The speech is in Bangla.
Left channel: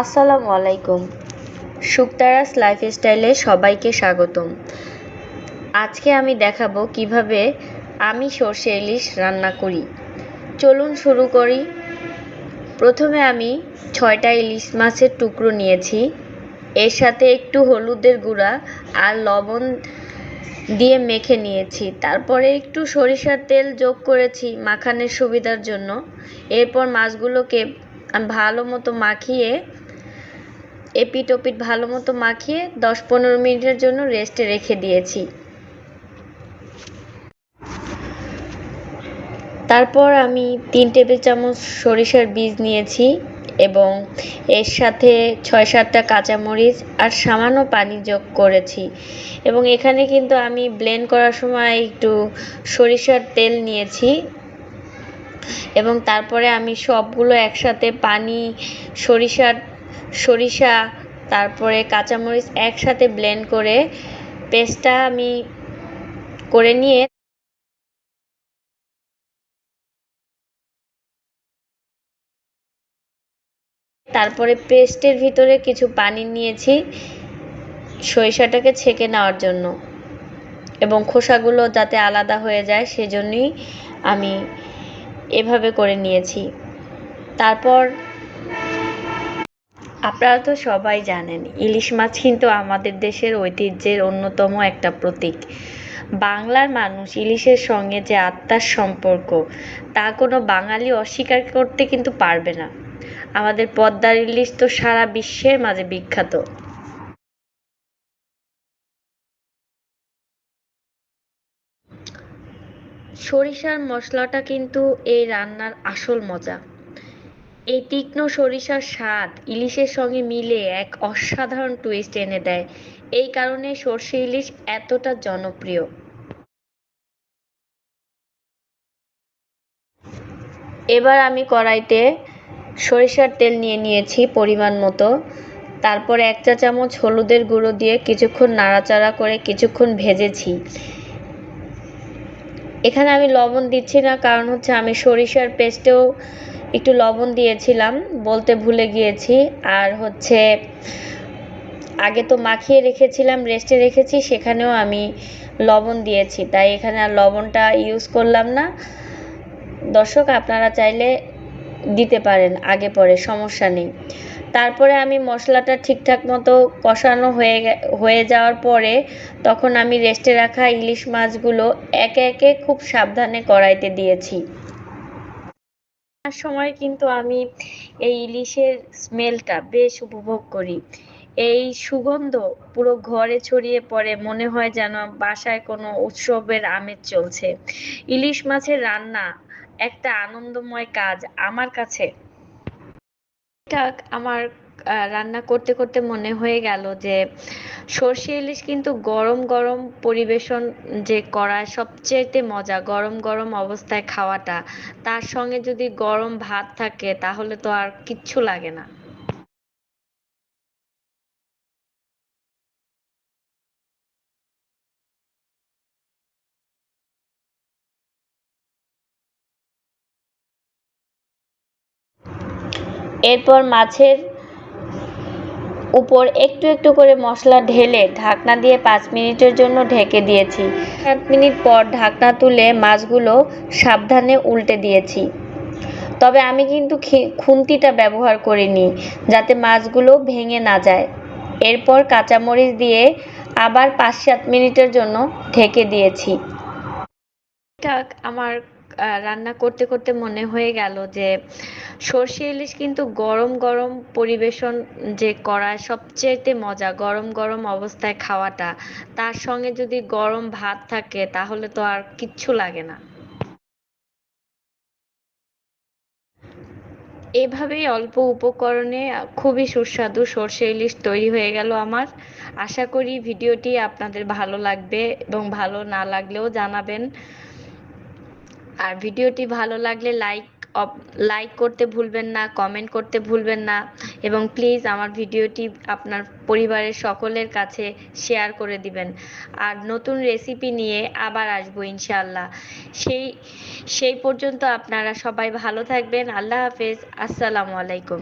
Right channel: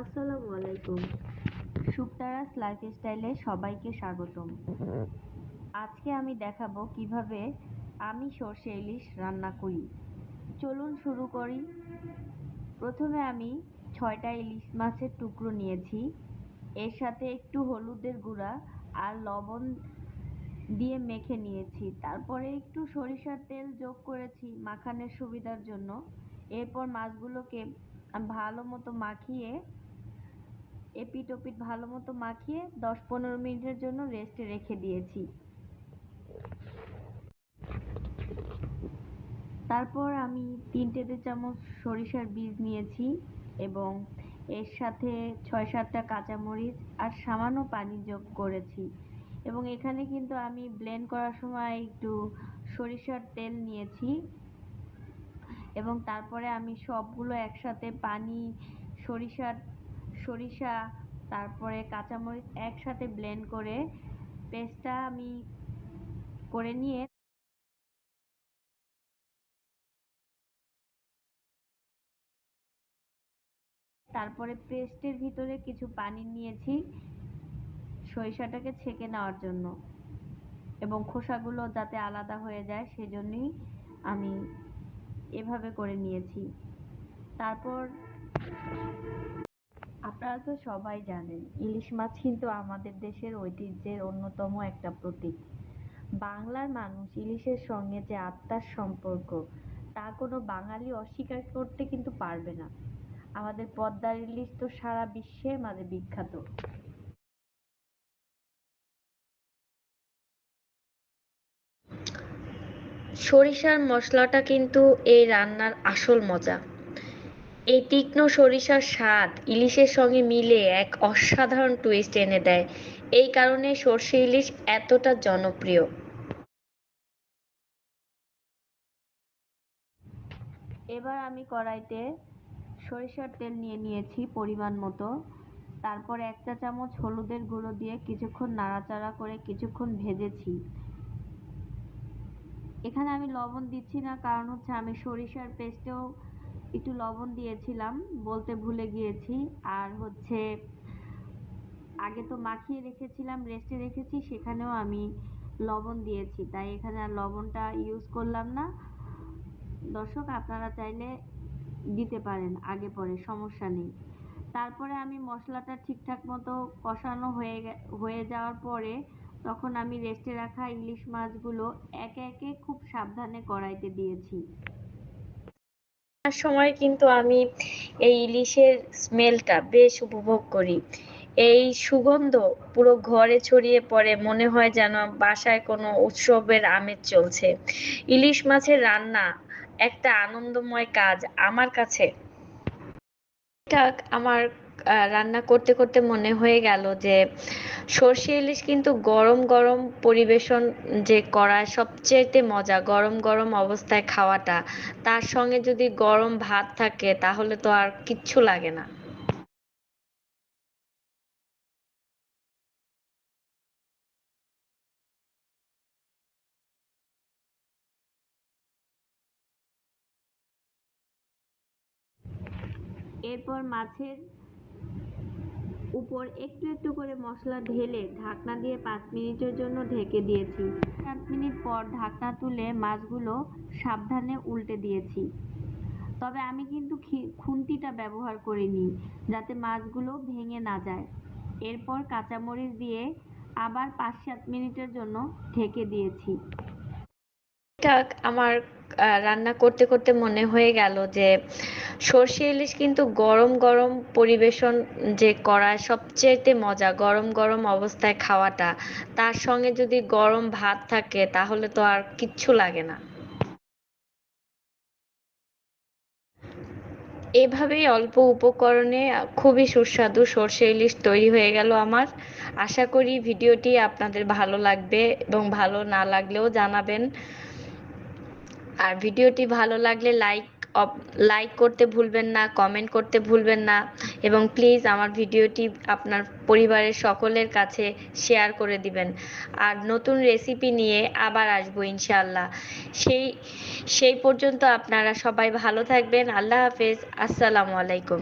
আসসালামু আলাইকুম। শুকতারাস লাইফস্টাইলে সবাইকে স্বাগতম। আজকে আমি দেখাবো কীভাবে আমি সর্ষে ইলিশ রান্না করি। চলুন শুরু করি। প্রথমে আমি ছয়টা ইলিশ মাছের টুকরো নিয়েছি। এর সাথে একটু হলুদের গুঁড়া আর লবণ দিয়ে মেখে নিয়েছি। তারপরে একটু সরিষার তেল যোগ করেছি মাখানের সুবিধার জন্য। এরপর মাছগুলোকে ভালো মতো মাখিয়ে এপিট ওপিট ভালো মতো মাখিয়ে দশ পনেরো মিনিটের জন্য রেস্টে রেখে দিয়েছি। তারপর আমি তিন টেবিল চামচ সরিষার বীজ নিয়েছি এবং এর সাথে ছয় সাতটা কাঁচামরিচ আর সামান্য পানি যোগ করেছি এবং এখানে কিন্তু আমি ব্লেন্ড করার সময় একটু সরিষার তেল নিয়েছি এবং তারপরে আমি সবগুলো একসাথে পানি, সরিষার সরিষা, তারপরে কাঁচামরিচ একসাথে ব্লেন্ড করে পেস্টটা আমি করে নিয়ে তারপরে পেস্টের ভিতরে কিছু পানি নিয়েছি সরিষাটাকে ছেঁকে নেওয়ার জন্য এবং খোসাগুলো যাতে আলাদা হয়ে যায় সেজন্যই আমি এভাবে করে নিয়েছি। তারপর আপনারা তো সবাই জানেন, ইলিশ মাছ কিন্তু আমাদের দেশের ঐতিহ্যের অন্যতম একটা প্রতীক। বাংলার মানুষ ইলিশের সঙ্গে যে আত্মার সম্পর্ক, তা কোনো বাঙালি অস্বীকার করতে কিন্তু পারবে না। আমাদের পদ্মার ইলিশ তো সারা বিশ্বের মাঝে বিখ্যাত। সরিষার মশলাটা কিন্তু এই রান্নার আসল মজা। এই তীক্ষ্ণ সরিষার স্বাদ ইলিশের সঙ্গে মিলে এক অসাধারণ টুইস্ট এনে দেয়। এই কারণে সর্ষে ইলিশ এতটা জনপ্রিয়। এবার আমি কড়াইতে সরিষার তেল নিয়ে নিয়েছি পরিমাণ মতো। তারপর এক চা চামচ হলুদের গুঁড়ো দিয়ে কিছুক্ষণ নাড়াচাড়া করে কিছুক্ষণ ভেজেছি। এখানে আমি লবণ দিচ্ছি না, কারণ হচ্ছে আমি সরিষার পেস্টেও একটু লবণ দিয়েছিলাম, বলতে ভুলে গিয়েছি। আর হচ্ছে, আগে তো মাখিয়ে রেখেছিলাম, রেস্টে রেখেছি, সেখানেও আমি লবণ দিয়েছি। তাই এখানে আর লবণটা ইউজ করলাম না। দর্শক, আপনারা চাইলে দিতে পারেন আগে পরে, সমস্যা নেই। তারপরে আমি মশলাটা ঠিকঠাক মতো কষানো হয়ে হয়ে যাওয়ার পরে তখন আমি রেস্টে রাখা ইলিশ মাছগুলো একে একে খুব সাবধানে কড়াইতে দিয়েছি। সময় কিন্তু আমি এই ইলিশের স্মেলটা বেশ উপভোগ করি। এই সুগন্ধ পুরো ঘরে ছড়িয়ে পড়ে, মনে হয় যেন বাসায় কোনো উৎসবের আমেজ চলছে। ইলিশ মাছের রান্না একটা আনন্দময় কাজ আমার কাছে। আমার রান্না করতে করতে মনে হয়ে গেল যে সর্ষে ইলিশ কিন্তু গরম গরম পরিবেশন যে করা সবচেয়েতে মজা, গরম গরম অবস্থায় খাওয়াটা। তার সঙ্গে যদি গরম ভাত থাকে, তাহলে তো আর কিচ্ছু লাগে না। এরপর মাছের উপর একটু একটু করে মশলা ঢেলে ঢাকনা দিয়ে পাঁচ মিনিটের জন্য ঢেকে দিয়েছি। সাত মিনিট পর ঢাকনা তুলে মাছগুলো সাবধানে উল্টে দিয়েছি। তবে আমি কিন্তু খুন্তিটা ব্যবহার করিনি, যাতে মাছগুলো ভেঙে না যায়। এরপর কাঁচামরিচ দিয়ে আবার পাঁচ সাত মিনিটের জন্য ঢেকে দিয়েছি। আমার রান্না করতে করতে মনে হয়ে গেল যে সর্ষে ইলিশ কিন্তু গরম গরম পরিবেশন যে করা সবচেয়েতে মজা, গরম গরম অবস্থায় খাওয়াটা, তার সঙ্গে যদি গরম ভাত থাকে তাহলে তো আর কিচ্ছু লাগে না। এভাবেই অল্প উপকরণে খুবই সুস্বাদু সর্ষে ইলিশ তৈরি হয়ে গেল আমার। আশা করি ভিডিওটি আপনাদের ভালো লাগবে এবং ভালো না লাগলেও জানাবেন। আর ভিডিওটি ভালো লাগলে লাইক লাইক করতে ভুলবেন না কমেন্ট করতে ভুলবেন না এবং প্লিজ আমার ভিডিওটি আপনার পরিবারের সকলের কাছে শেয়ার করে দিবেন। আর নতুন রেসিপি নিয়ে আবার আসব ইনশাআল্লাহ। সেই সেই পর্যন্ত আপনারা সবাই ভালো থাকবেন। আল্লাহ হাফেজ। আসসালামু আলাইকুম।